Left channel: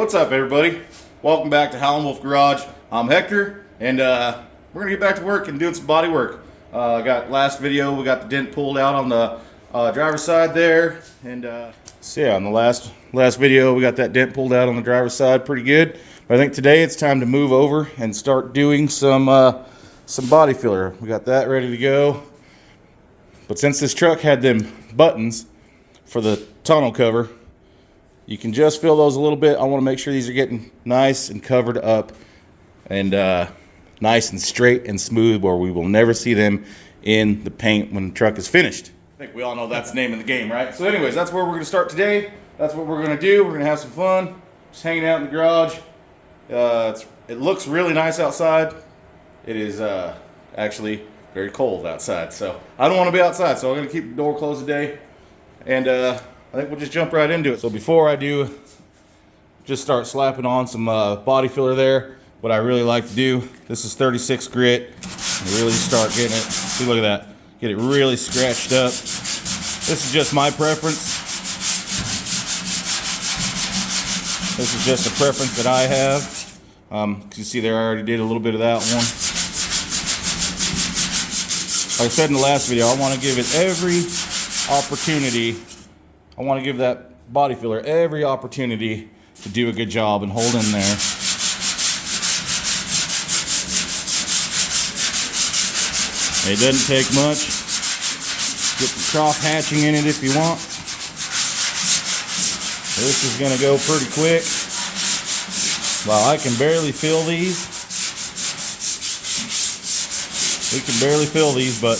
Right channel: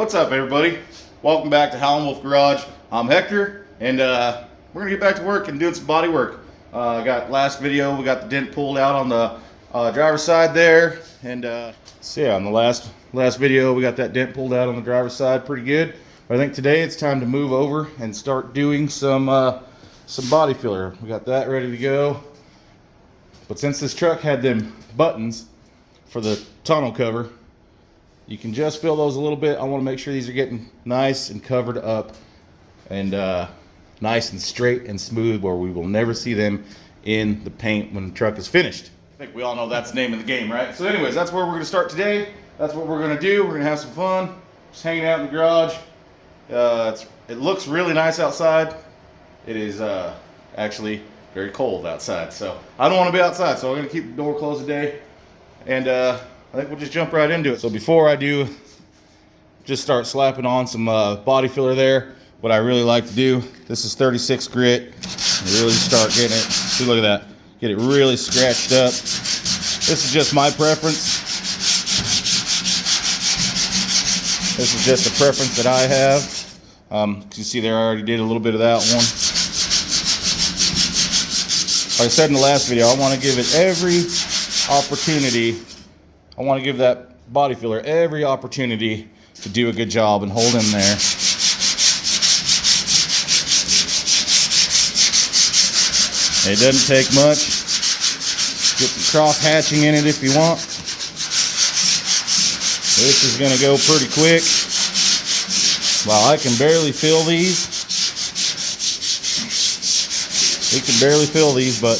What's up, everybody? Welcome back to Howlin Wolf Garage. I'm Hector, and we're gonna get back to work and doing some body work. Got last video, we got the dent pulled out on the driver's side there, and so yeah, on the last video, we got that dent pulled out on the driver's side, pretty good. But I think today it's time to move over and start doing some body filler. We got that ready to go. But since this truck had them buttons for the tonneau cover, you can just fill those a little bit. I want to make sure these are getting nice and covered up and nice and straight and smooth, where we will never see them in the paint when the truck is finished. I think we all know that's the name of the game, right? So anyways, that's where we're going to start today. That's what we're going to do. We're going to have some fun, just hanging out in the garage. It looks really nice outside. It is actually very cold outside, so I don't want to be outside, so I'm going to keep the door closed today. And I think we'll just jump right into it. So before I do, just start slapping on some body filler there. What I really like to do, this is 36 grit. Really start getting it. See, look at that. Get it really scratched up. This is just my preference. This is just a preference that I have. Because you see there, I already did a little bit of that one. Like I said in the last video, I want to give it every opportunity. I want to give that body filler every opportunity to do a good job and hold in there. It doesn't take much. Get some cross hatching in it if you want. This is going to go pretty quick. Well, I can barely fill these. We can barely fill these, but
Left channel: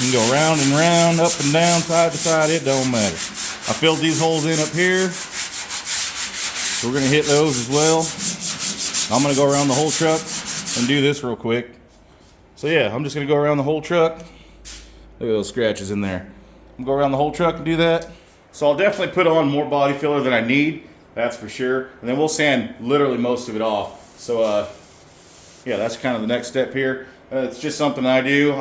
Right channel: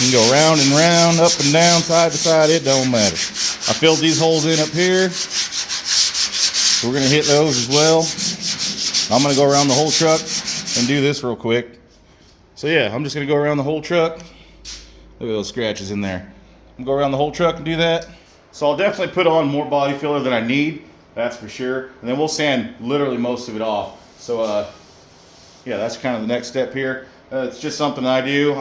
you can go round and round, up and down, side to side, it don't matter. I filled these holes in up here, so we're going to hit those as well. I'm going to go around the whole truck and do this real quick. So yeah, I'm just going to go around the whole truck. Look at those scratches in there. I'm going to go around the whole truck and do that. So I'll definitely put on more body filler than I need, that's for sure. And then we'll sand literally most of it off. So yeah, that's kind of the next step here. It's just something I do.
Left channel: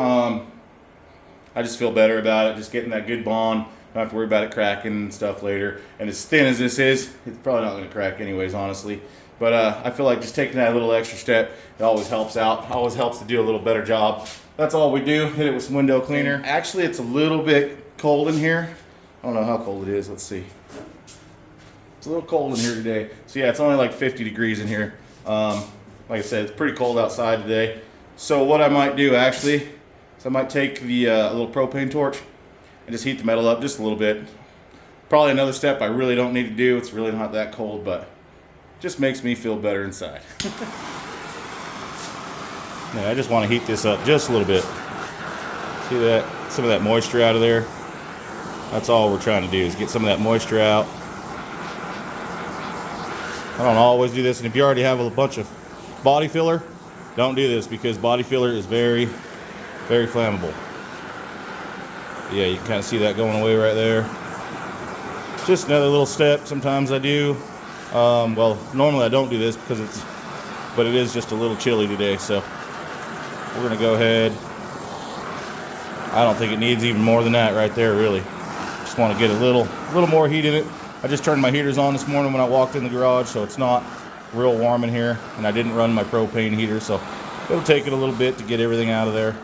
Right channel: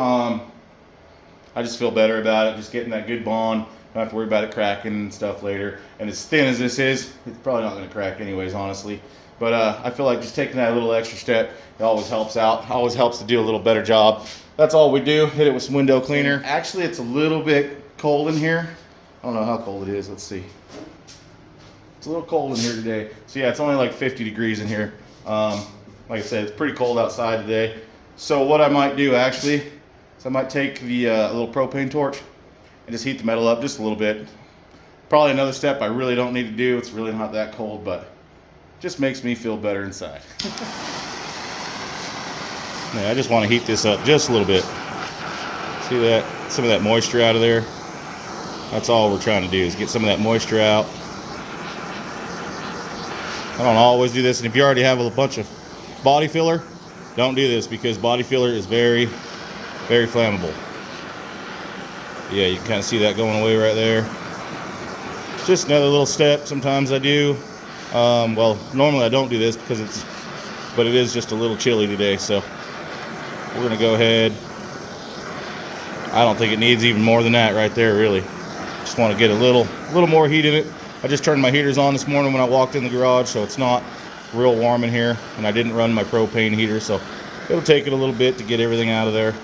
I just feel better about it, just getting that good bond. Don't have to worry about it cracking and stuff later. And as thin as this is, it's probably not going to crack anyways, honestly. But I feel like just taking that little extra step, it always helps out. Always helps to do a little better job. That's all we do. Hit it with some window cleaner. Actually, it's a little bit cold in here. I don't know how cold it is. Let's see. It's a little cold in here today. So yeah, it's only like 50 degrees in here. Like I said, it's pretty cold outside today. So what I might do actually, so I might take the little propane torch and just heat the metal up just a little bit. Probably another step I really don't need to do. It's really not that cold, but it just makes me feel better inside. Yeah, I just want to heat this up just a little bit. See that? Some of that moisture out of there. That's all we're trying to do, is get some of that moisture out. I don't always do this, and if you already have a bunch of body filler, don't do this, because body filler is very, very flammable. Yeah, you can kind of see that going away right there. Just another little step. Sometimes I do. Well, normally I don't do this because but it is just a little chilly today, so we're gonna go ahead. I don't think it needs even more than that right there, really. Just want to get a little more heat in it. I just turned my heaters on this morning when I walked in the garage, so it's not real warm in here, and I didn't run my propane heater, so it'll take it a little bit to get everything out of there.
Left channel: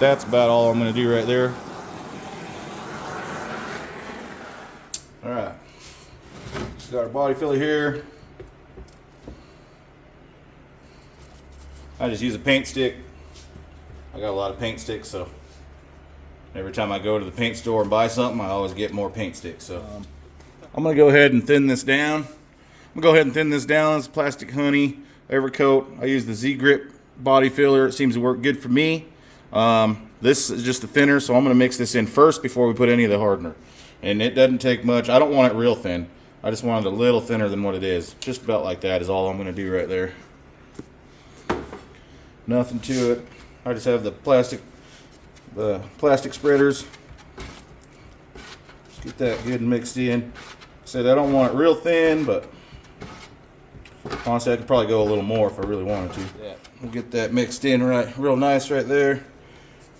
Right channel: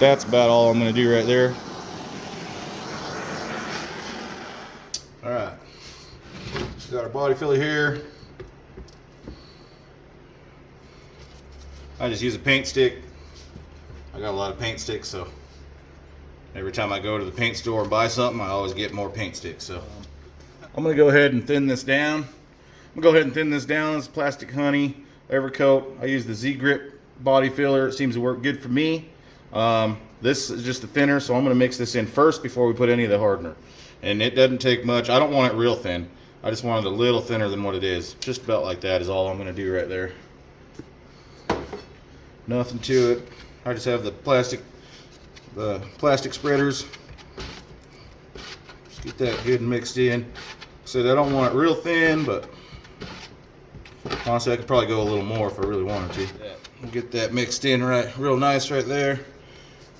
That's about all I'm going to do right there. Alright, just got our body filler here. I just use a paint stick. I got a lot of paint sticks, so every time I go to the paint store and buy something, I always get more paint sticks. So I'm going to go ahead and thin this down. It's Plastic Honey Evercoat. I use the Z-Grip body filler. It seems to work good for me. This is just a thinner, so I'm going to mix this in first before we put any of the hardener. And it doesn't take much. I don't want it real thin. I just want it a little thinner than what it is. Just about like that is all I'm going to do right there. Nothing to it. I just have the plastic spreaders. Just get that good and mixed in. Said I don't want it real thin, but honestly I could probably go a little more if I really wanted to. We'll get that mixed in real nice right there.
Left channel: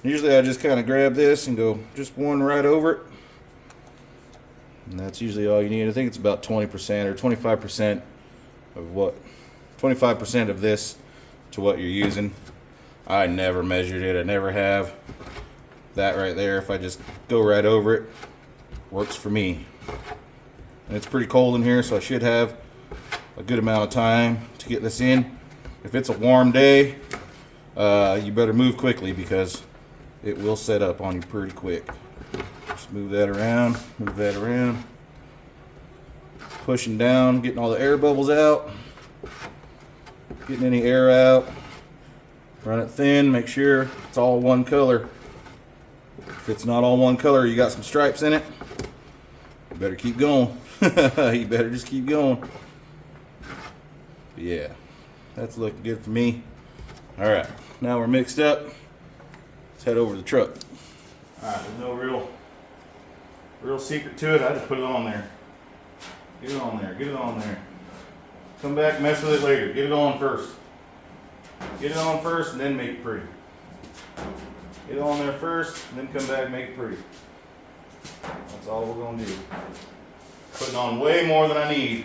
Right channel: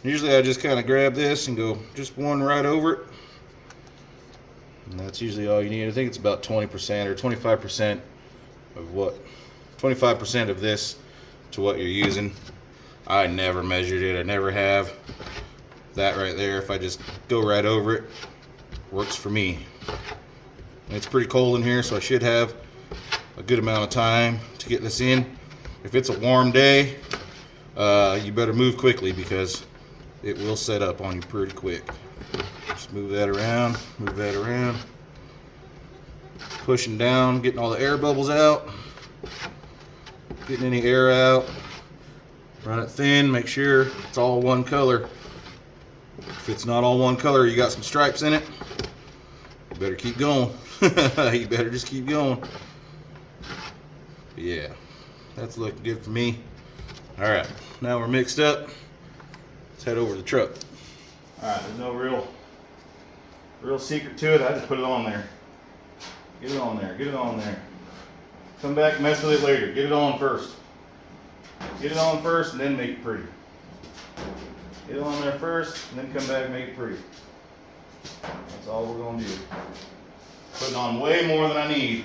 Usually I just kind of grab this and go just one right over it. And that's usually all you need. I think it's about 20% or 25% of what, 25% of this to what you're using. I never measured it, I never have. That right there, if I just go right over it, works for me. And it's pretty cold in here, so I should have a good amount of time to get this in. If it's a warm day, you better move quickly because it will set up on you pretty quick. Just move that around, move that around. Pushing down, getting all the air bubbles out, getting any air out. Run it thin, make sure it's all one color. If it's not all one color, you got some stripes in it, you better keep going. You better just keep going. But yeah, that's looking good for me. All right, now we're mixed up. Let's head over to the truck. All right, there's no real secret to it. I just put it on there. Get it on there, get it on there. Come back, mess with it later. Get it on first. Get it on first and then make it pretty. Get it on there first and then come back and make it pretty. That's all we're gonna do. Putting on way more than I need.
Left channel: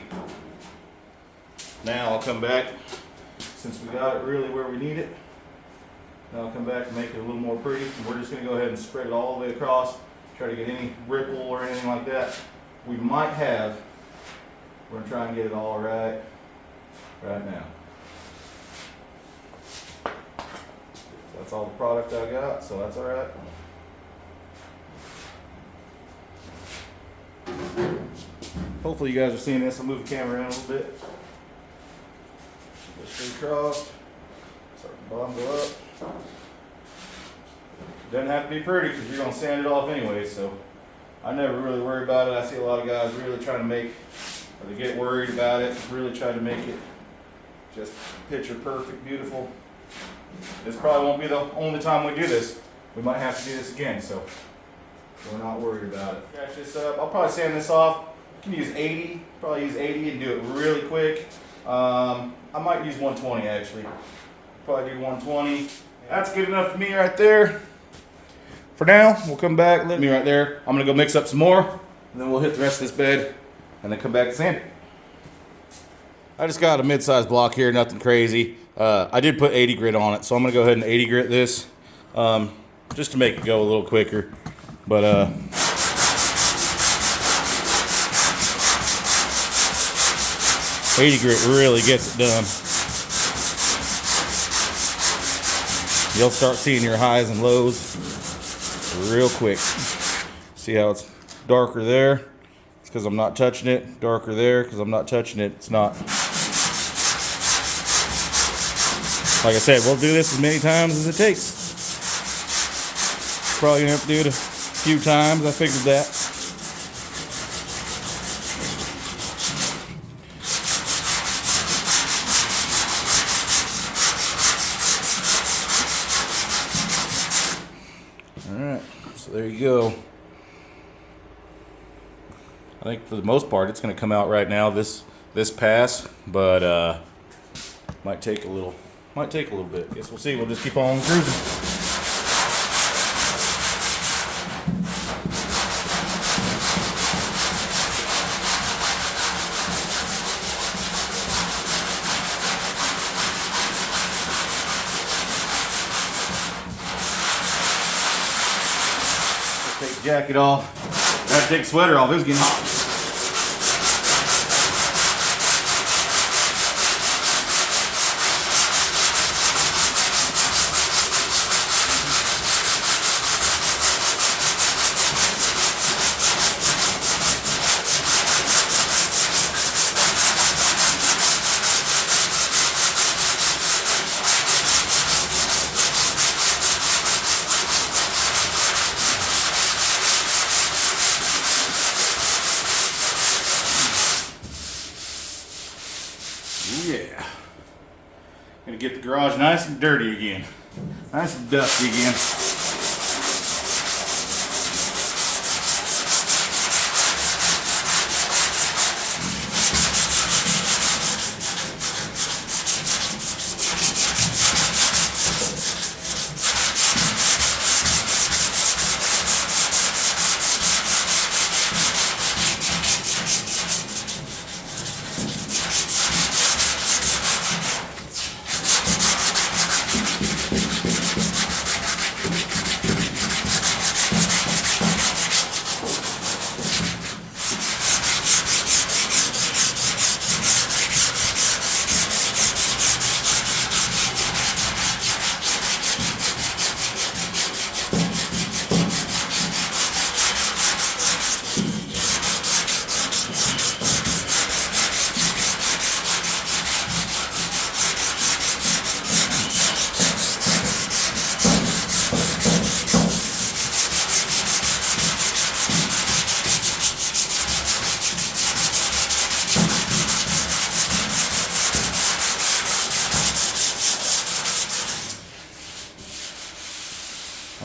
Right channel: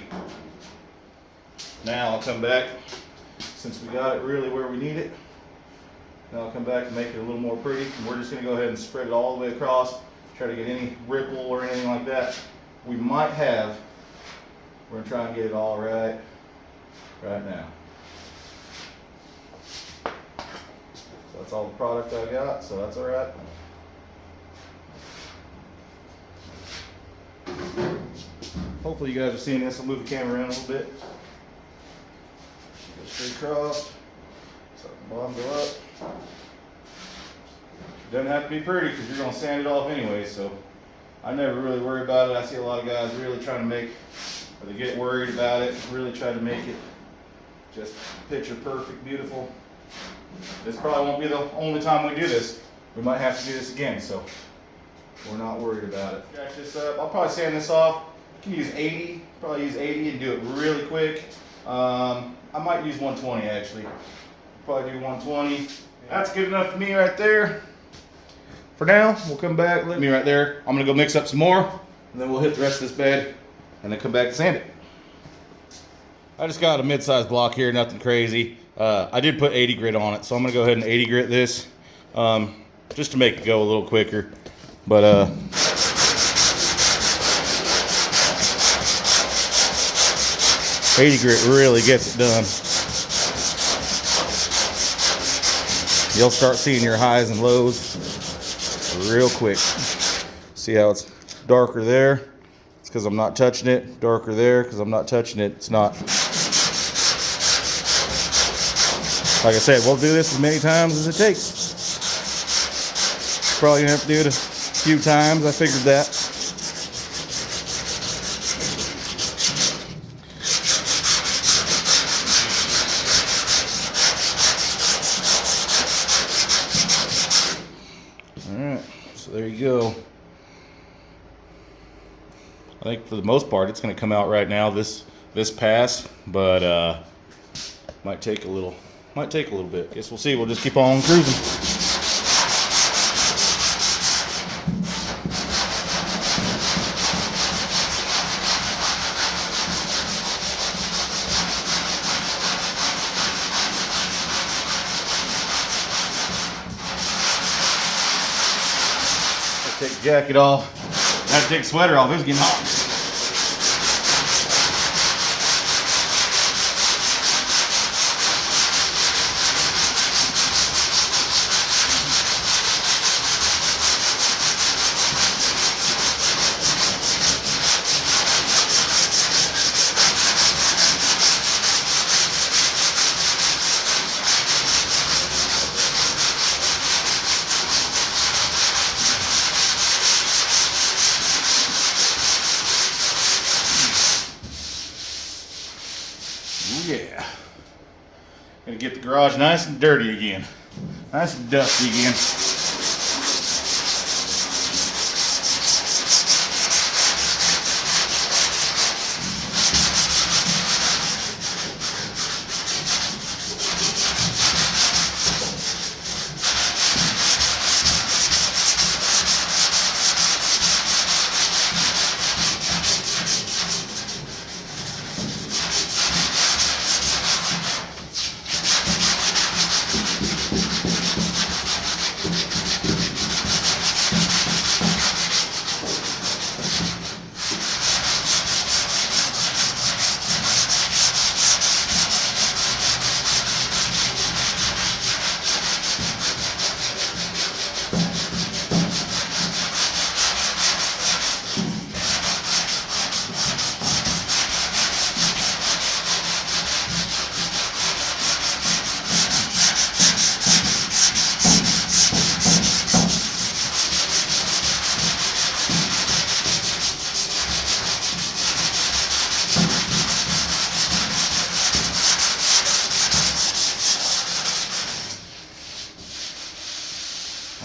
Now I'll come back, since we got it really where we need it, now I'll come back and make it a little more pretty. And we're just gonna go ahead and spread it all the way across, try to get any ripple or anything like that we might have. We're gonna try and get it all right now. That's all the product I got, so that's all right. Hopefully you guys are seeing this. I'll move the camera around a little bit. Go straight across, so the bottom go up. Doesn't have to be pretty because you're gonna sand it off anyway, so I never really worry about it. I see a lot of guys really trying to make, or they get worried about it, really try to make it just picture perfect, beautiful. This probably won't be the only time we do this. We might have to do this again, so we're not worried about it. Scratch this up. I'll probably sand this off. You can use 80, probably use 80 and do it really quick. I might use 120 actually. Probably do 120. That's good enough for me right there. For now, we'll come back. Let me right there. I'm gonna go mix up some more, and then we'll hit the rest of this bed, and then come back and sand it. I just got a mid-sized block here, nothing crazy. I did put 80 grit on it, so I'm gonna go ahead and 80 grit this, just to make it go a little quicker. But 80 grit really gets it done. You'll start seeing your highs and lows real quick. See how it's darker there? It's because I'm not touching it. Darker there because I'm not touching it. It's not. Like I said, we'll do this as many times as it takes. Probably gonna have to do it a few times. I figured that. Alright, so there you go. I think for the most part it's going to come out right now, this pass, but might take a little bit. Guess we'll see. We'll just keep on cruising. Take the jacket off. Might take the sweater off. It was getting hot. Yeah. Gonna get the garage nice and dirty again. Nice and dusty again.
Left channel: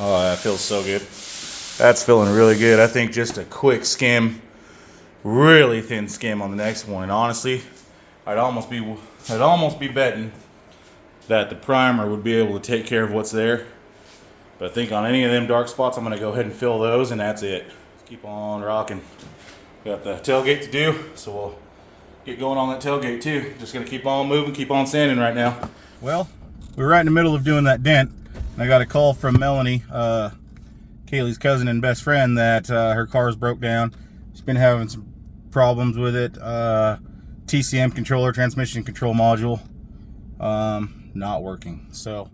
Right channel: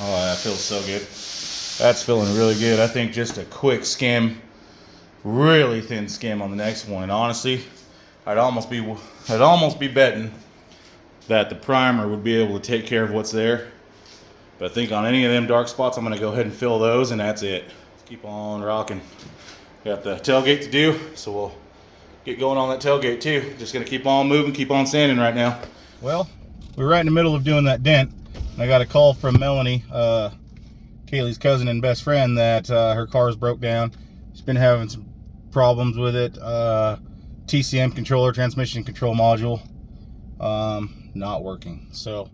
Oh, that feels so good. That's feeling really good. I think just a quick skim, really thin skim on the next one. And honestly, I'd almost be betting that the primer would be able to take care of what's there. But I think on any of them dark spots, I'm gonna go ahead and fill those, and that's it. Let's keep on rocking. Got the tailgate to do, so we'll get going on that tailgate too. Just gonna keep on moving, keep on sanding right now. Well, we're right in the middle of doing that dent. I got a call from Melanie, Kaylee's cousin and best friend, that her car's broke down. She's been having some problems with it. TCM controller, transmission control module, not working. So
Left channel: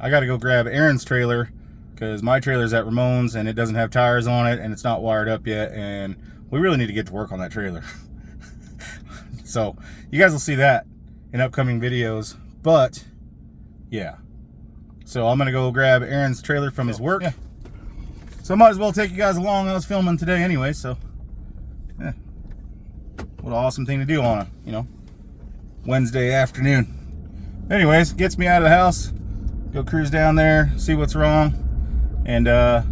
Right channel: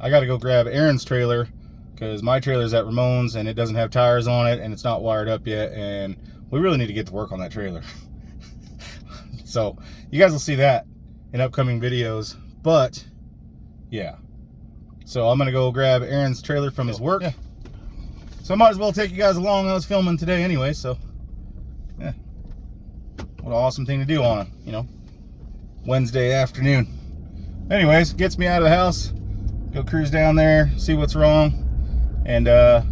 I got to go grab Aaron's trailer because my trailer's at Ramon's and it doesn't have tires on it and it's not wired up yet, and we really need to get to work on that trailer. So you guys will see that in upcoming videos. But yeah, so I'm gonna go grab Aaron's trailer from his work. Yeah. So I might as well take you guys along. I was filming today anyway, so yeah. What an awesome thing to do on a, you know, Wednesday afternoon. Anyways, gets me out of the house. Go cruise down there, see what's wrong, and yeah.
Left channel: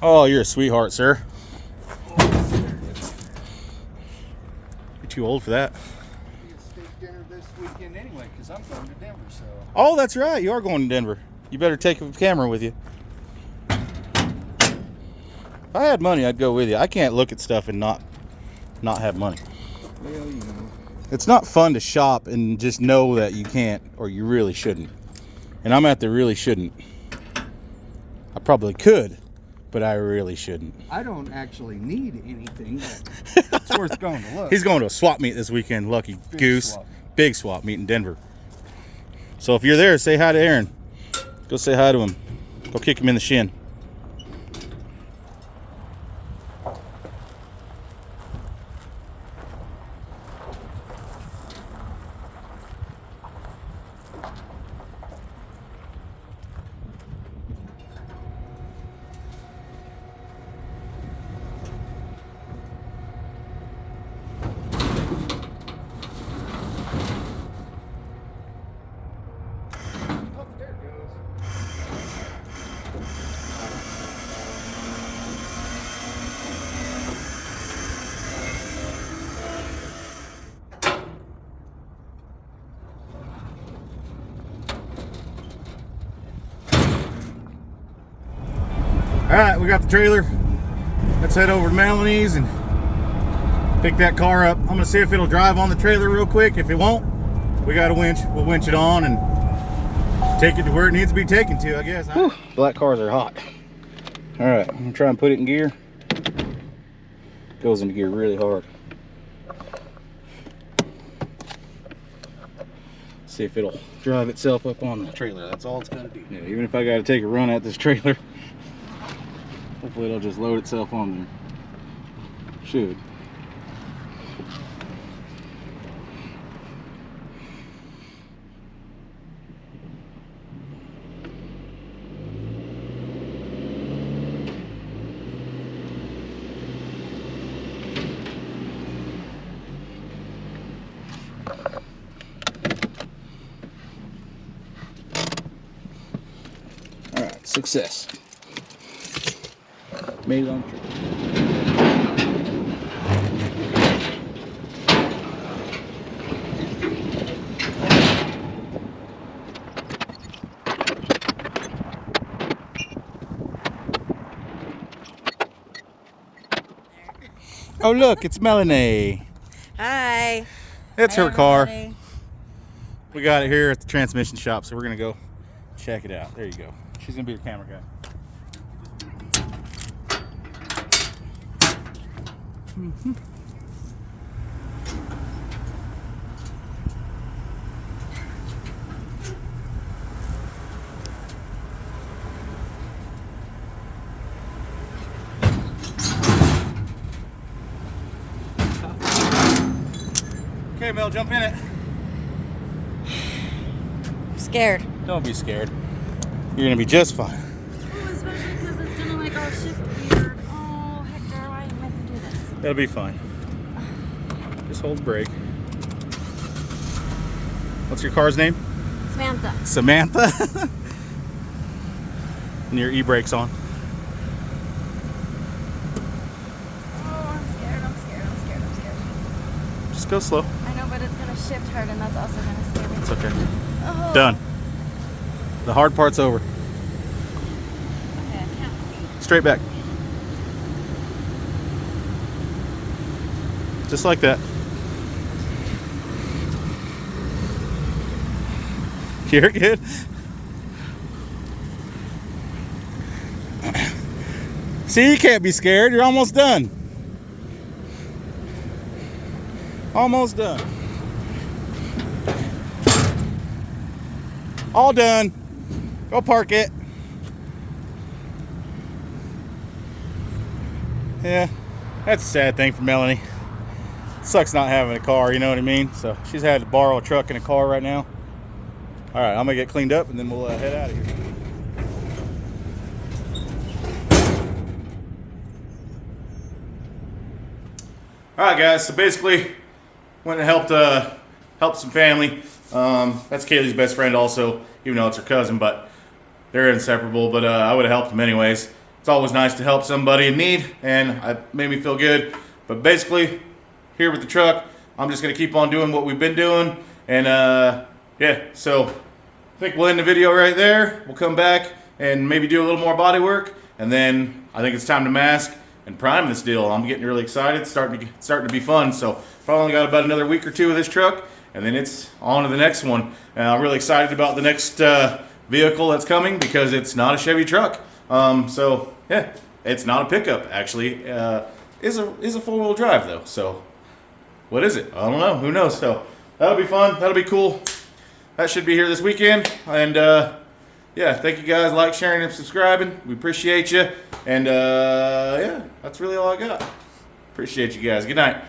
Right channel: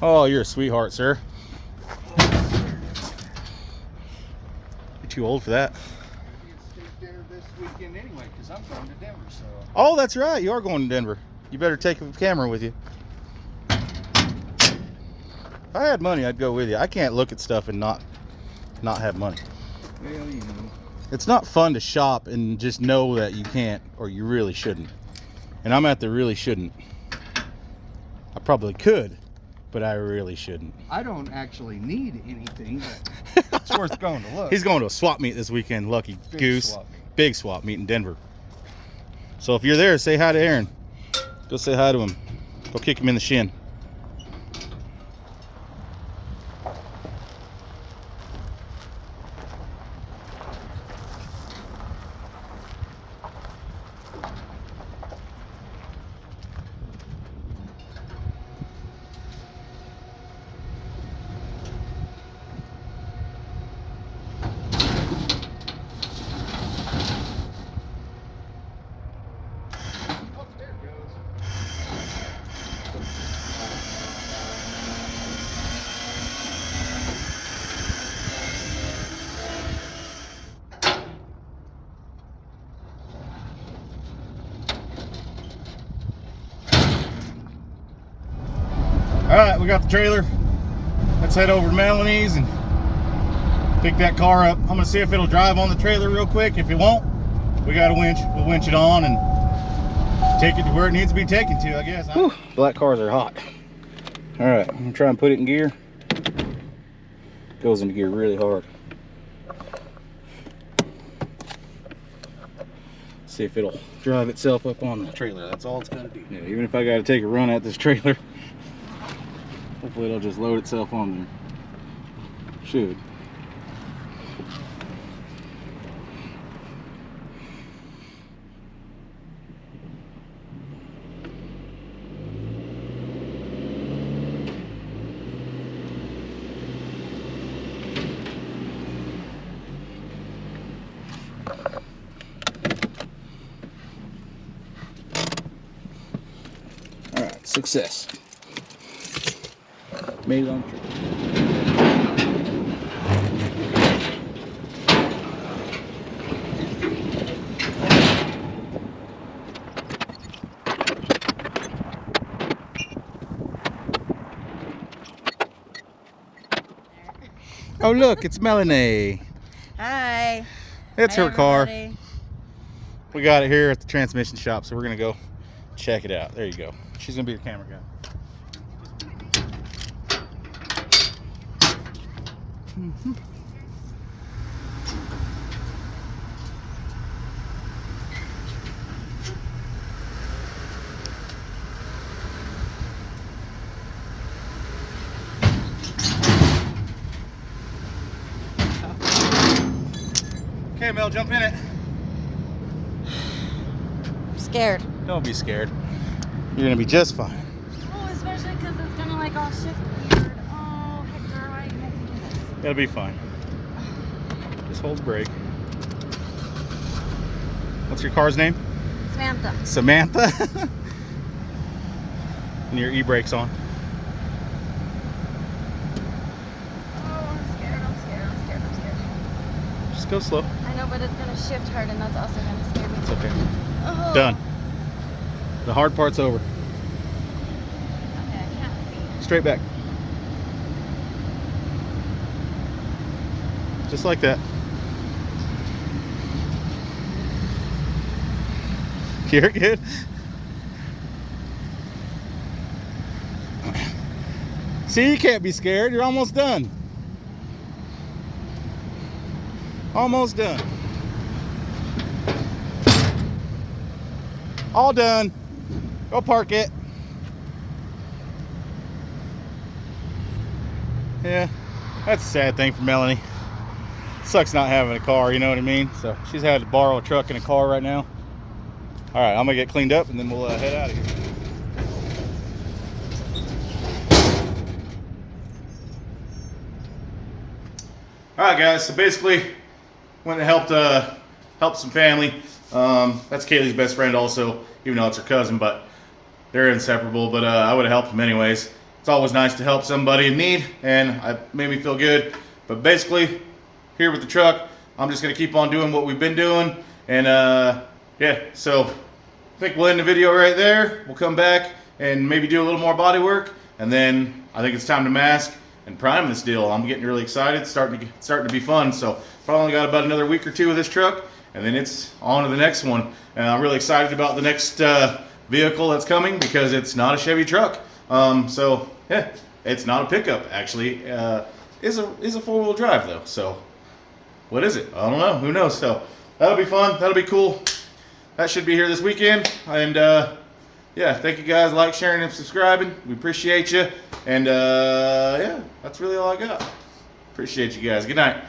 Oh, you're a sweetheart, sir. You're too old for that. Dinner this weekend anyway, because I'm going to Denver. So. Oh, that's right. You are going to Denver. You better take a camera with you. If I had money, I'd go with you. I can't look at stuff and not have money. Well, you know. It's not fun to shop and just know that you can't or you really shouldn't. And I'm at the really shouldn't. I probably could, but I really shouldn't. I don't actually need anything, but it's worth going to look. He's going to a swap meet this weekend, lucky goose. Big swap meet in Denver. So if you're there, say hi to Aaron. Go say hi to him. Go kick him in the shin. All right, we got the trailer. Let's head over to Melanie's and pick that car up. I'm gonna see if it'll drive on the trailer real quick. If it won't, we got a winch. We'll winch it on and take it to where it needs to be taken to, I guess. Whew, black cars are hot. All right, I'm gonna try and put it in gear. Goes into gear really hard. See if it'll drive itself up on the trailer. That's all it's gonna do. Yeah, even if I gotta take a run at this trailer, hopefully it'll just load itself on there. Should. All right, success. Made it on the trip. Oh look, it's Melanie. Hi. It's Hi, her car. everybody. We got it here at the transmission shop, so we're gonna go check it out. There you go. She's gonna be your camera guy. Mm-hmm. Okay, Mel, jump in it. Scared. Don't be scared. You're gonna be just fine. Oh, especially because it's gonna like all shift weird. Oh. It'll be fine. Just hold the brake. What's your car's name? Samantha. Samantha? And your e-brake's on. Oh, I'm scared. Just go slow. I know, but it's gonna shift hard, and that's also gonna scare me. It's okay. Oh. Done. The hard part's over. Okay, I can't see. Straight back. Just like that. You're good. See, you can't be scared. You're almost done. Almost done. All done. Go park it. Yeah, that's a sad thing for Melanie. Sucks not having a car, you know what I mean? So she's had to borrow a truck and a car right now. All right, I'm gonna get cleaned up and then we'll head out of here. All right, guys. So basically, went and helped some family. That's Kaylee's best friend, also, even though it's her cousin, but they're inseparable. But I would have helped them anyways. It's always nice to help somebody in need, and it made me feel good. But basically, here with the truck, I'm just gonna keep on doing what we've been doing, and yeah. So I think we'll end the video right there. We'll come back and maybe do a little more body work, and then I think it's time to mask and prime this deal. I'm getting really excited. It's starting to be fun. So probably only got about another week or two of this truck, and then it's on to the next one. And I'm really excited about the next vehicle that's coming because it's not a Chevy truck. So yeah, it's not a pickup actually. Is a four-wheel drive though. So what is it? I don't know. Who knows? So that'll be fun. That'll be cool. That should be here this weekend. And yeah, thank you guys. Like, sharing, and subscribing. We appreciate you. And yeah, that's really all I got. Appreciate you guys. Good night.